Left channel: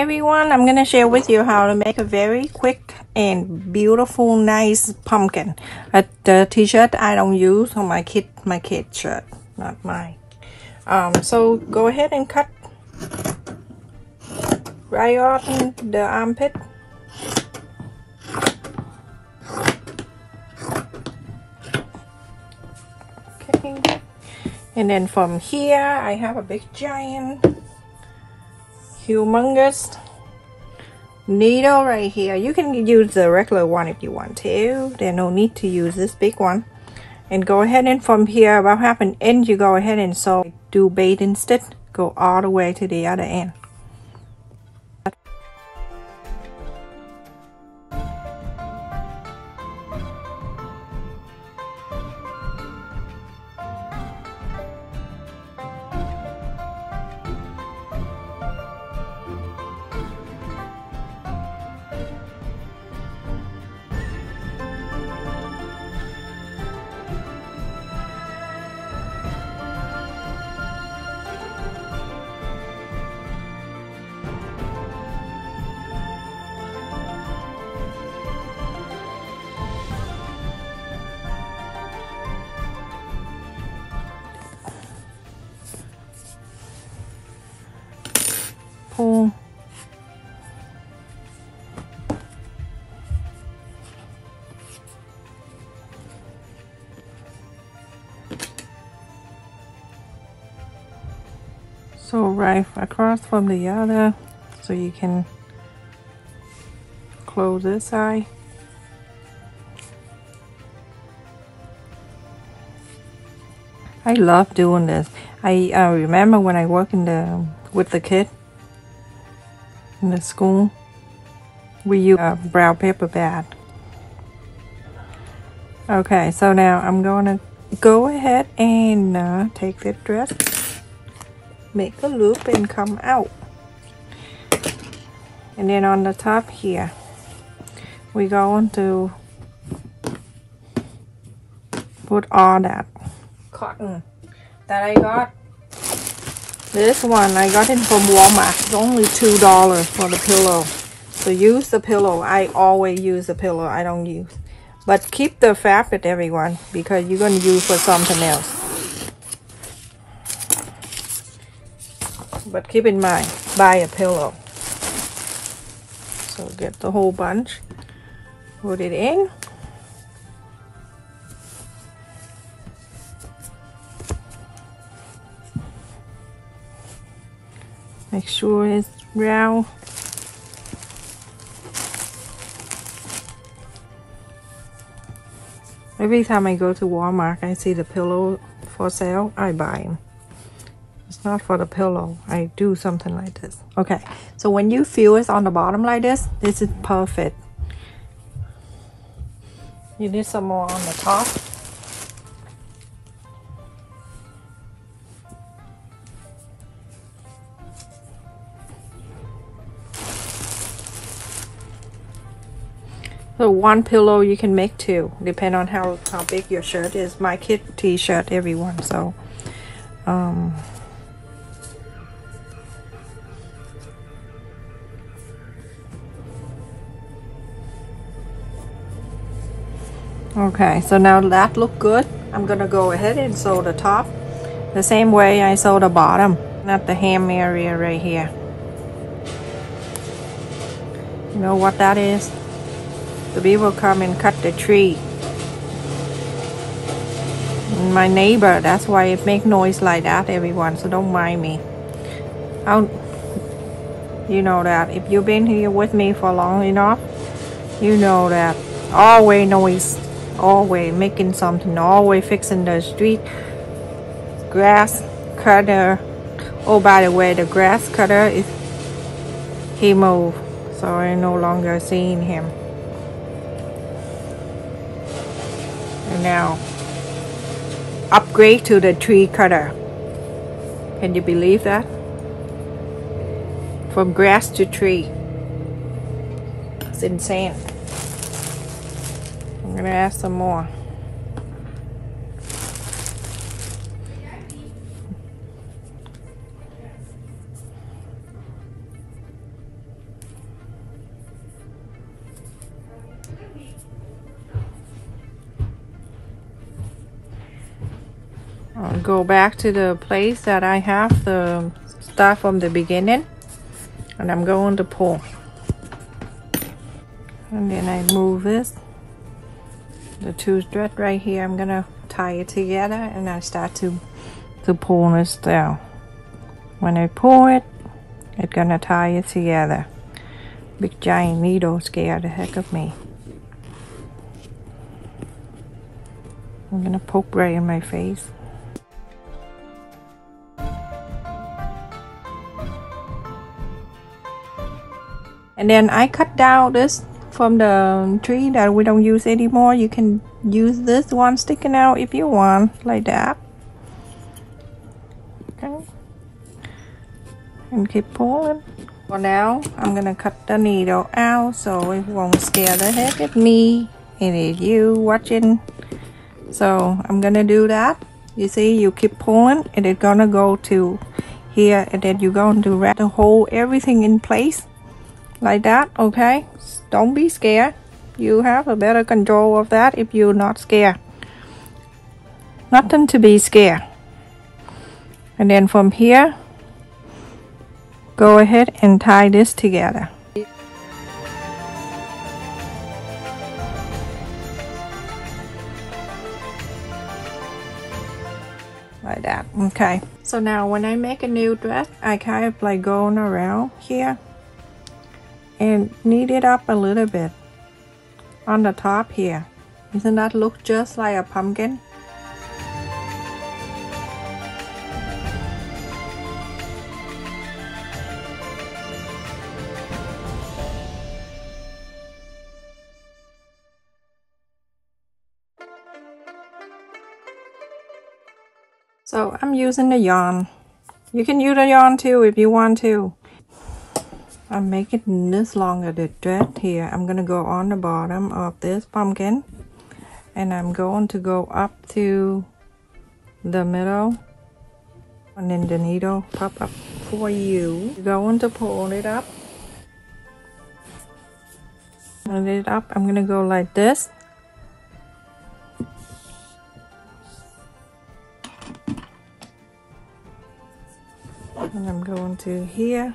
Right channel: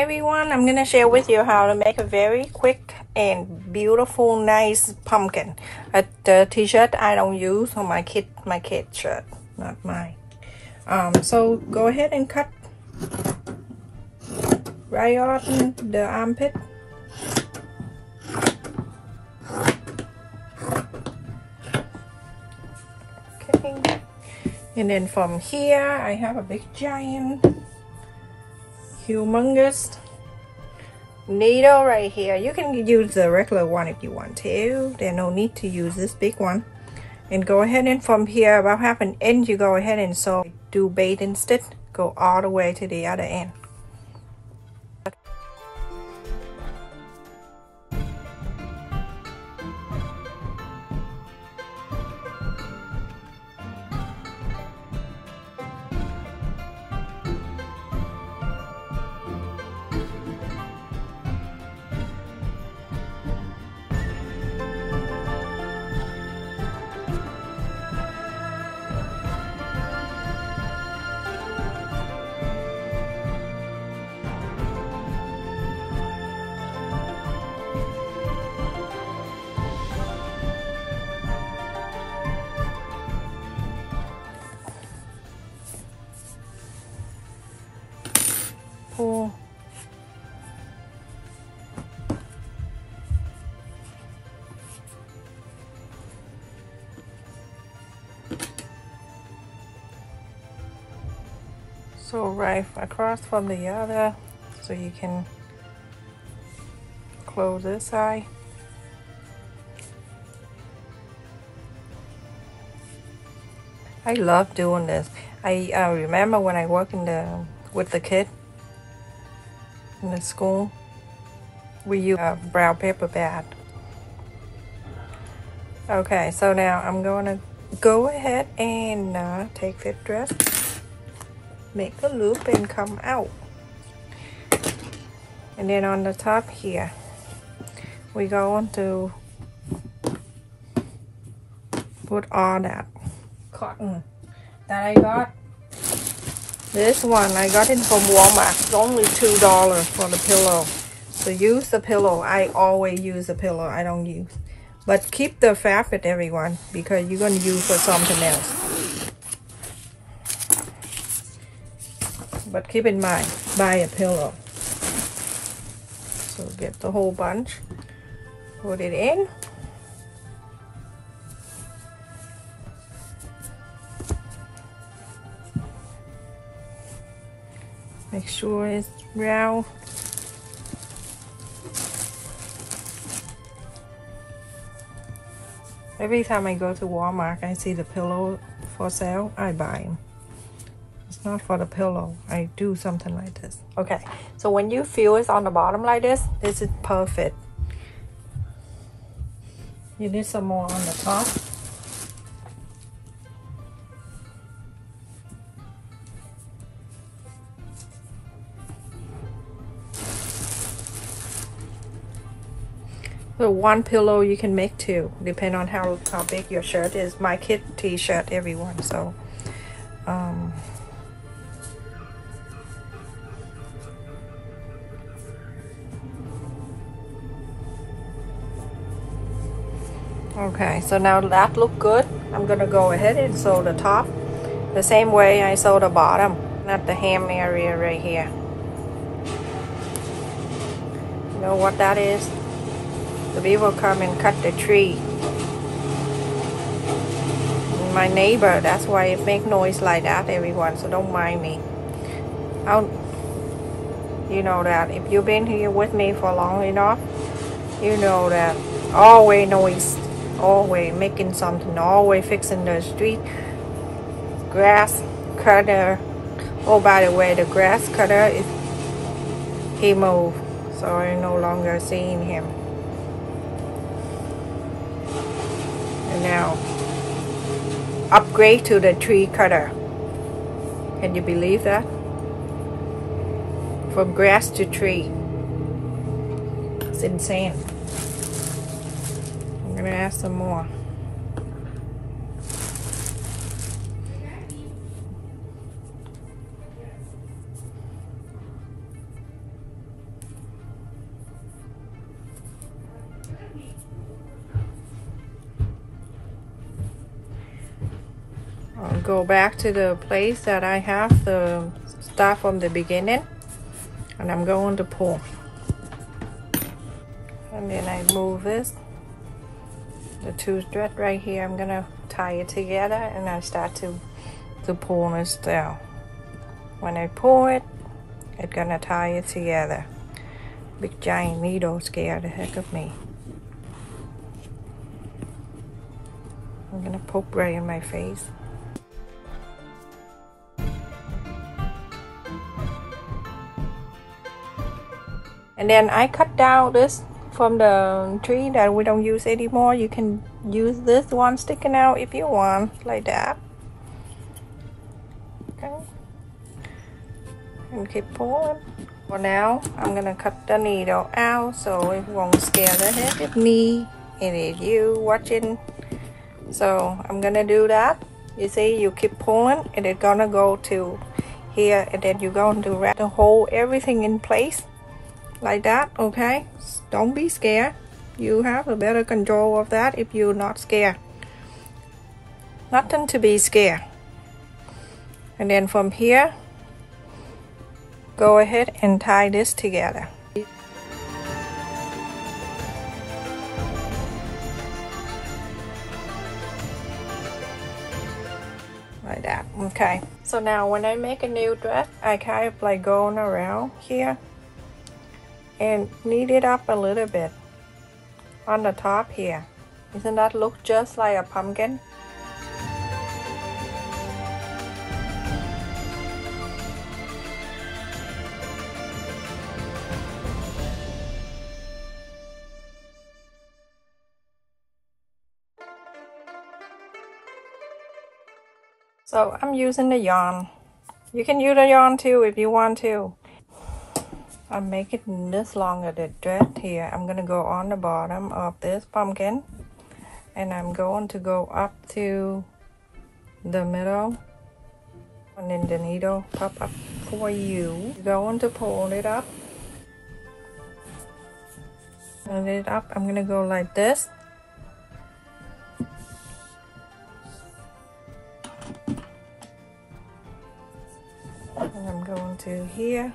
everyone, I'm gonna share with you how to make a very quick and beautiful nice pumpkin. The t-shirt I don't use on my kid shirt, not mine. So go ahead and cut right on the armpit. Okay, and then from here I have a big giant humongous needle right here. You can use the regular one if you want to. There's no need to use this big one. And go ahead and from here about half an inch you go ahead and sew. Do baiting stitch, go all the way to the other end. Pull. So right across from the other, so you can close this side. I love doing this. I remember when I worked with the kid in the school, we use a brown paper bag. Okay, so now I'm gonna go ahead and take this dress, make a loop and come out. And then on the top here, we're going to put all that cotton that I got. This one I got it from Walmart. It's only $2 for the pillow. So use the pillow. I always use the pillow. I don't use. But keep the fabric, everyone, because you're going to use for something else. But keep in mind, buy a pillow. So get the whole bunch. Put it in. Make sure it's round. Every time I go to Walmart, I see the pillow for sale, I buy them. It's not for the pillow. I do something like this. Okay, so when you feel it's on the bottom like this is perfect. You need some more on the top. So one pillow you can make two, depending on how big your shirt is. My kid t-shirt, everyone. So, okay. So now that look good. I'm gonna go ahead and sew the top the same way I sew the bottom, not the hem area right here. You know what that is? The people come and cut the tree. My neighbor, that's why it make noise like that, everyone, so don't mind me. You know that if you've been here with me for long enough, you know that always noise, always making something, always fixing the street. Grass cutter. Oh, by the way, the grass cutter, he moved, so I'm no longer seeing him. Now upgrade to the tree cutter. Can you believe that? From grass to tree. It's insane. I'm gonna add some more. go back to the place that I have the stuff from the beginning, and I'm going to pull. And then I move this, the two thread right here, I'm gonna tie it together, and I start to pull this down. When I pull it, it's gonna tie it together. Big giant needle scared the heck of me. I'm gonna poke right in my face. And then I cut down this from the tree that we don't use anymore. You can use this one sticking out if you want, like that. Okay. And keep pulling. For now, I'm gonna cut the needle out so it won't scare the heck of me. It is you watching. So I'm gonna do that. You see, you keep pulling and it's gonna go to here, and then you're going to wrap the whole everything in place like that. Okay, don't be scared. You have a better control of that if you're not scared. Nothing to be scared. And then from here, go ahead and tie this together. Like that. Okay, so now when I make a new dress, I kind of like going around here and knead it up a little bit on the top here. Doesn't that look just like a pumpkin? So I'm using the yarn. You can use the yarn too if you want to. I'm making this longer, the thread here. I'm gonna go on the bottom of this pumpkin, and I'm going to go up to the middle, and then the needle pop up for you. You're going to pull it up. Pull it up. I'm gonna go like this. And I'm going to here.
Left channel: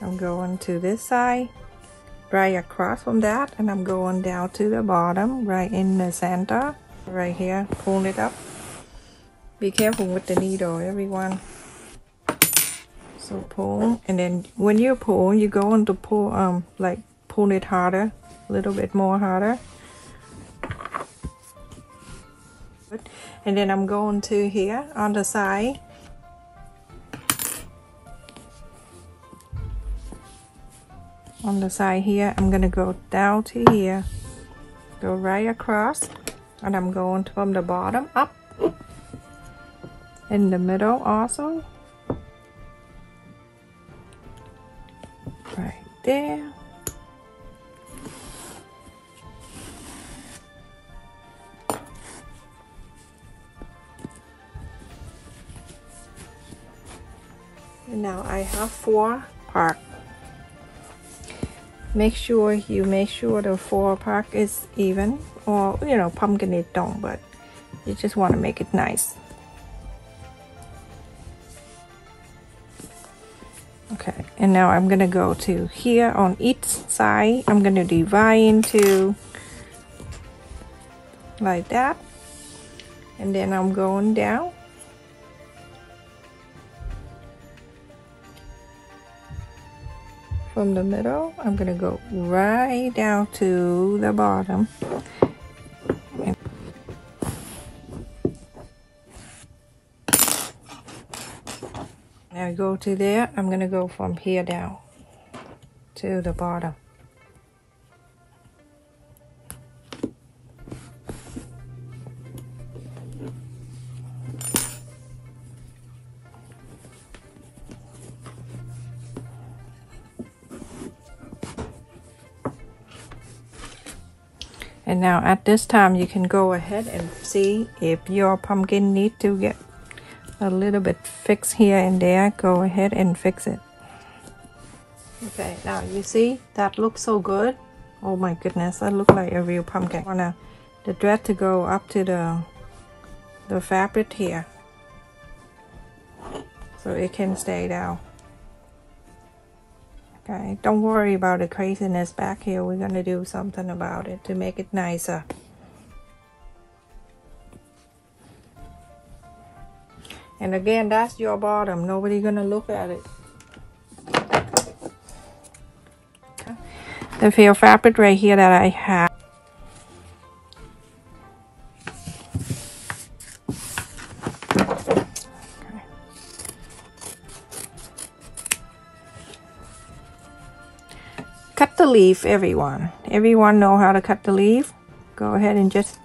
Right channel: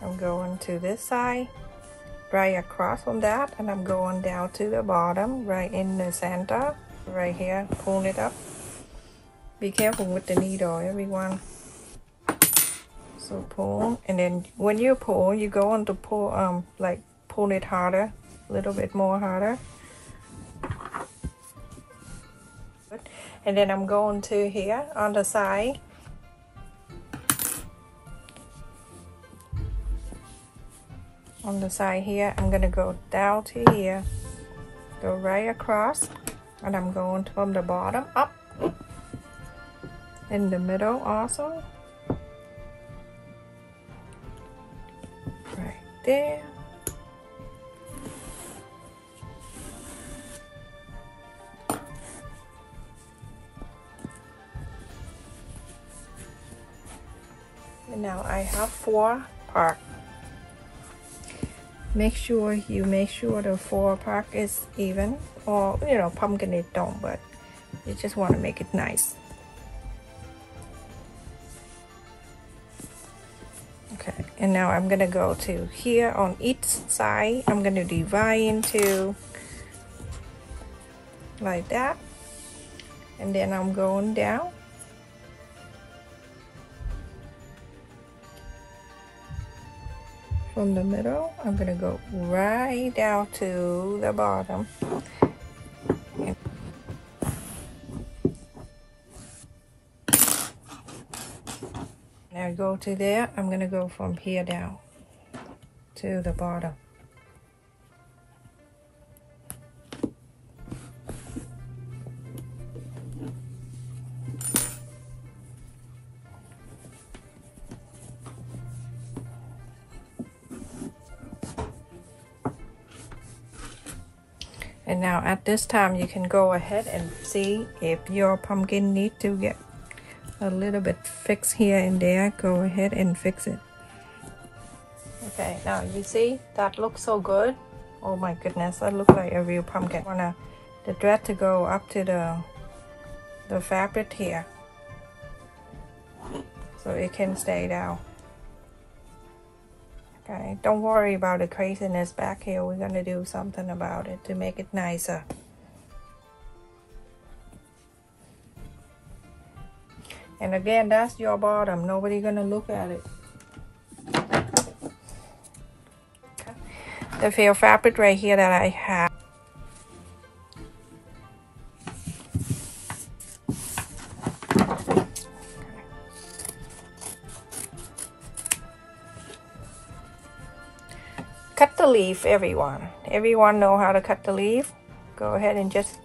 I'm going to this side, right across from that, and I'm going down to the bottom, right in the center, right here, pull it up. Be careful with the needle, everyone. So pull, and then when you pull, you're going to pull, like pull it harder, a little bit more harder. And then I'm going to here on the side. On the side here, I'm gonna go down to here, go right across, and I'm going from the bottom up, in the middle also, right there. And now I have 4 parts. Make sure the 4 part is even, or you know, pumpkin it don't, but you just want to make it nice. Okay, and now I'm gonna go to here on each side. I'm gonna divide into like that, and then I'm going down. From the middle, I'm gonna go right down to the bottom. Now go to there, I'm gonna go from here down to the bottom. And now at this time, you can go ahead and see if your pumpkin needs to get a little bit fixed here and there. Go ahead and fix it. Okay, now you see that looks so good. Oh my goodness, that looks like a real pumpkin. I want the thread to go up to the fabric here. so it can stay down. Okay, don't worry about the craziness back here. We're gonna do something about it to make it nicer. And again, that's your bottom. Nobody gonna look at it. The feel fabric right here that I have. Cut the leaf, everyone. Everyone know how to cut the leaf? Go ahead and just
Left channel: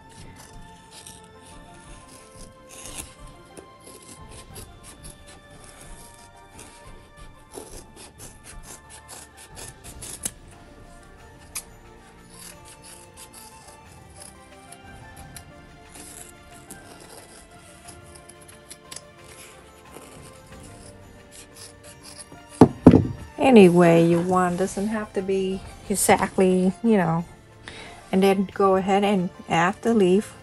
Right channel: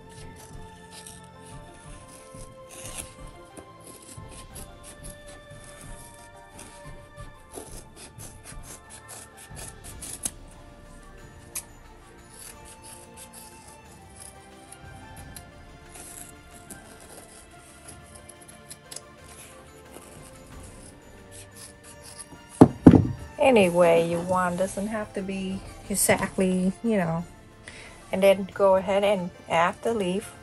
any way you want. Doesn't have to be exactly, you know. And then go ahead and add the leaf.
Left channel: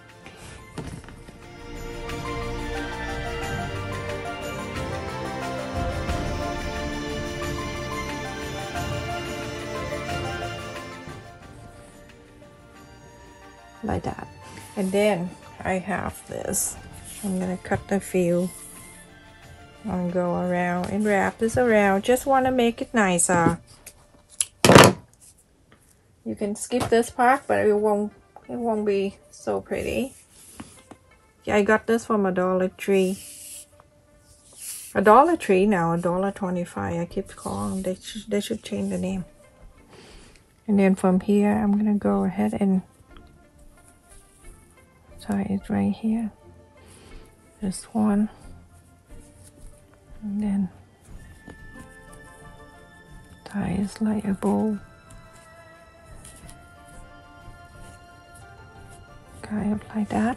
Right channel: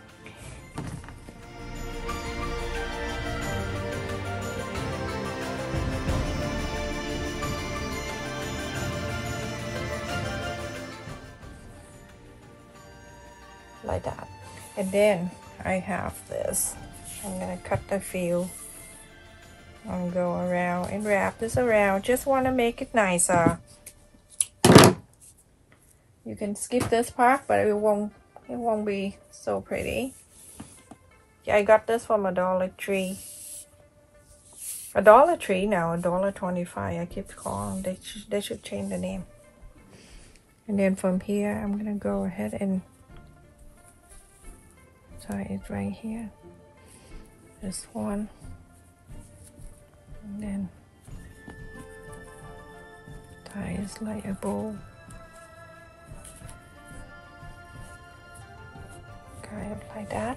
Like that. And then I have this. I'm gonna cut the feel and go around and wrap this around. Just want to make it nicer. You can skip this part, but it won't be so pretty. Yeah, I got this from a Dollar Tree. A Dollar Tree now, $1.25. I keep calling. They should change the name. And then from here, I'm gonna go ahead and tie it right here. This one. And then tie it like a bow. Kind of like that.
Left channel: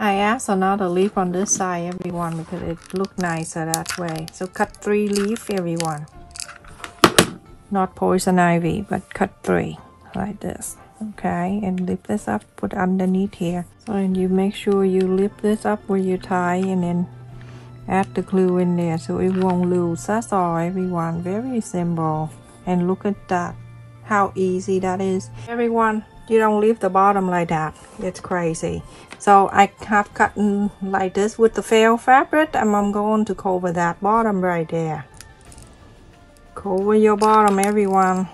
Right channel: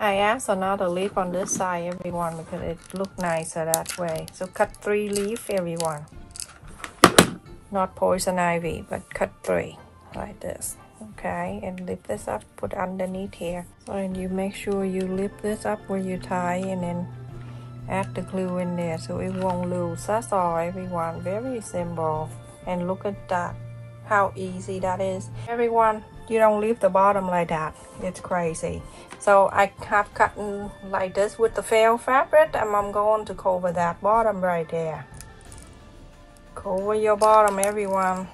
I asked another leaf on this side, everyone, because it looked nicer that way. So cut 3 leaves, everyone. Not poison ivy, but cut 3 like this. Okay, and lift this up, put underneath here. So and you make sure you lift this up where you tie, and then add the glue in there so it won't lose. That's all, everyone. Very simple. And look at that, how easy that is, everyone. You don't leave the bottom like that. It's crazy. So I have cut like this with the felt fabric, and I'm going to cover that bottom right there. Cover your bottom, everyone.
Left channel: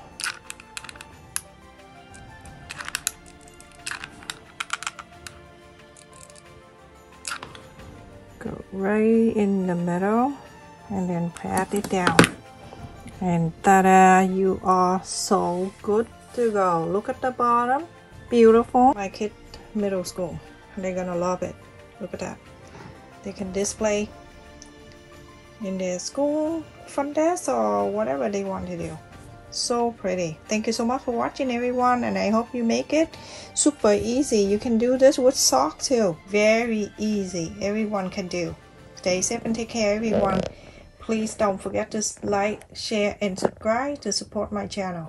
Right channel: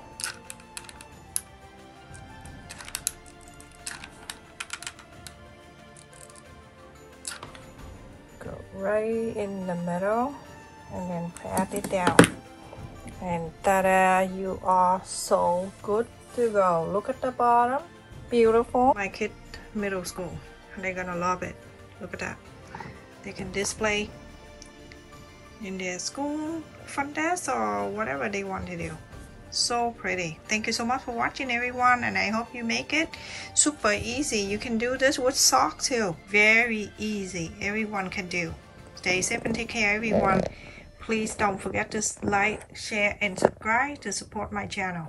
Go right in the middle and then pat it down. And ta-da, you are so good to go. Look at the bottom, beautiful. My kid middle school, they're gonna love it. Look at that. They can display in their school front desk or whatever they want to do. So pretty. Thank you so much for watching, everyone, and I hope you make it super easy. You can do this with socks too. Very easy. Everyone can do. Stay safe and take care, everyone. Please don't forget to like, share, and subscribe to support my channel.